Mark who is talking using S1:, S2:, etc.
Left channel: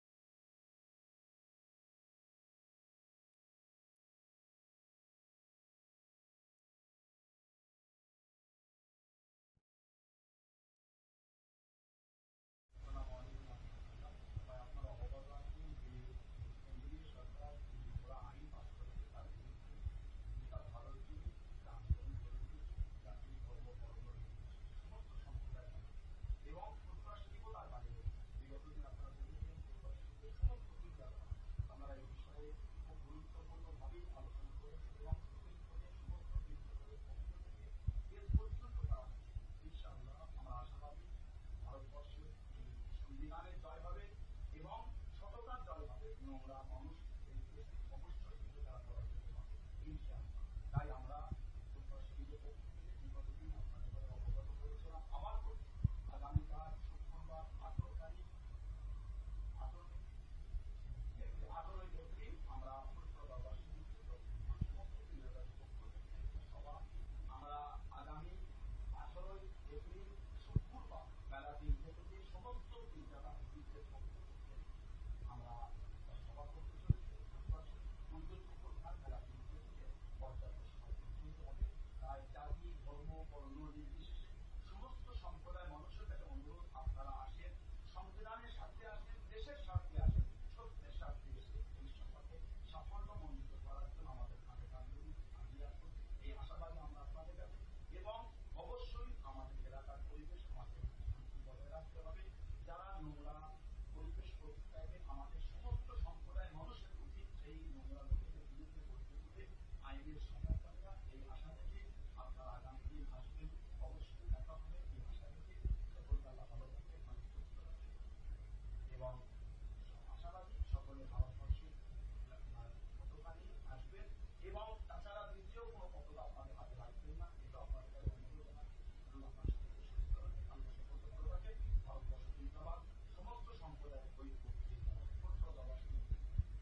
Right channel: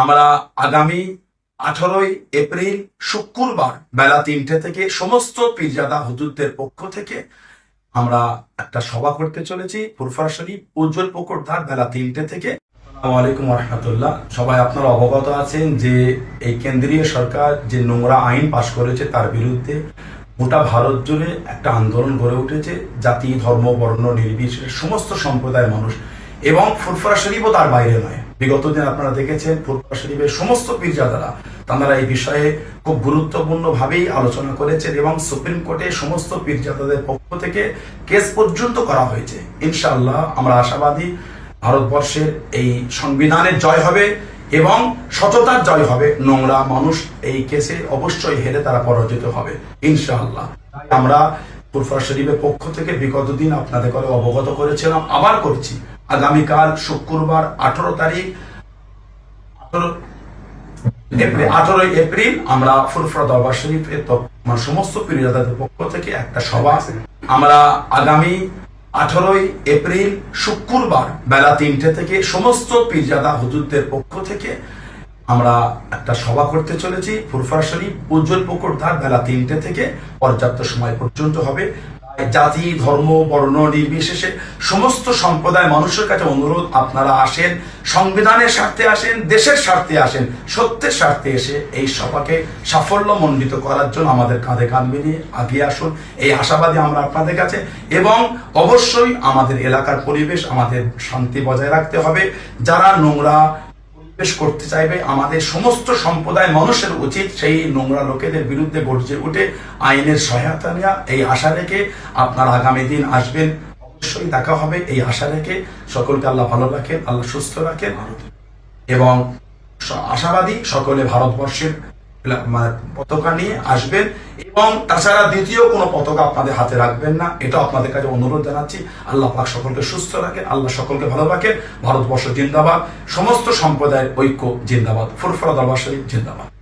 S1: আমরা আগামী আঠারোই এপ্রিল শুক্রবার বেলা তিনটে থেকে সমস্ত পীরজাদা হজুরদের পক্ষ থেকে আমরা একটা সভা করতে চলেছি ফুরফার শরীফ উজ্জ্বল পুকুর ধার বেলা তিনটে থেকে আলাইকুম রহমতুল্লাহ সবাই আপনারা অবগত আছেন যে এই কেন্দ্রীয় সরকার যে নোংরা আইন পাশ করেছে তার বিরুদ্ধে গোটা ভারত জুড়ে একটা আন্দোলন গড়ে উঠেছে জাতি ধর্ম বর্ণ নির্বিশেষে সমস্ত সম্প্রদায়ের মানুষ এবং ফুরফুরা শরীফও তার বাইরে নয় বিগত দিন আপনারা দেখেছেন ফুরফা শরীফের সমস্ত পীরজাদারা তারা এই বিষয়ে খুব গুরুত্বপূর্ণভাবেই আলোচনা করেছেন এবং সুপ্রিম কোর্টে সমস্ত পীরজাদাদের পক্ষ থেকে কেস পর্যন্ত করা হয়েছে ইনশাআল্লাহ আমরা আশাবাদী ভারতবর্ষের এই সংবিধানের জয় হবে এবং সততার জয় হবে নোংরা মানুষ এই কেসে অবশ্যই হেরে তারা পরাজিত হবে ইনশাআল্লাহ আমরা ফুরফা শরীফের পক্ষ থেকে বিগত দিন আপনাদের করে অবগত করেছিলাম আবার করছি আগামীকাল শুক্রবার আঠারো তারিখ আঠারোই এপ্রিল আমরা ফুরফরা দরবার শরীফের মানে সমস্ত পীরজাদাদের পক্ষ থেকে একটা সভা আমরা আগামী আঠারোই এপ্রিল শুক্রবার বেলা তিনটে থেকে সমস্ত পীরজাদা হুজুরদের পক্ষ থেকে আমরা একটা সভা করতে চলেছি ফুরফার শরীফ উজ্জ্বল পুকুর ধার বেলা তিনটে থেকে পর্যাপ্ত সময় পর্যন্ত হবে জাতি ধর্ম বর্ণ নির্বিশেষে সমস্ত সম্প্রদায় মানুষের কাছে অনুরোধ আপনারা আসেন সংবিধানের স্বার্থে আসেন দেশের স্বার্থে আসেন সত্যের স্বার্থে এসে এই সভাকে সাফল্য মণ্ডিত করার জন্য আমাদের কাঁধে কাঁধ মিলিয়ে আগিয়ে আসুন এই আশাবাদী আমরা আপনাদের কাছে এবং অবশ্যই আমাদের এলাকার পরিবেশ আমাদের শান্তি বজায় রাখতে হবে যারা নোংরা পেশ করতে চাইবে আমাদের সমস্ত সম্প্রদায় মানুষের উচিত সেই নোংরা লোকেদের বিরুদ্ধে গর্জে উঠে আইনের সহায়তা নেওয়া এই আশা রেখে আপনার আগামী দিন আসবেন অবশ্যই দেখা হবে এই আশা রেখে সকলকে আল্লাহ ভালো রাখেন আল্লাহ সুস্থ রাখেন এবং আশাবাদী সকলে ভারতবর্ষের মানে পতাকা নিয়ে আসবেন এবং তাছাড়া দ্বিতীয় কোনো পতাকা আপনাদের হাতে রাখবেন না এটা আপনাদের কাছে অনুরোধ জানাচ্ছি আল্লাহ পাক সকলকে সুস্থ রাখেন আল্লাহ সকলকে ভালো রাখেন ভারতবর্ষ জিন্দাবাদ সমস্ত সম্প্রদায়ের ঐক্য জিন্দাবাদ ফুরফরা আবাসী জিন্দাবাদ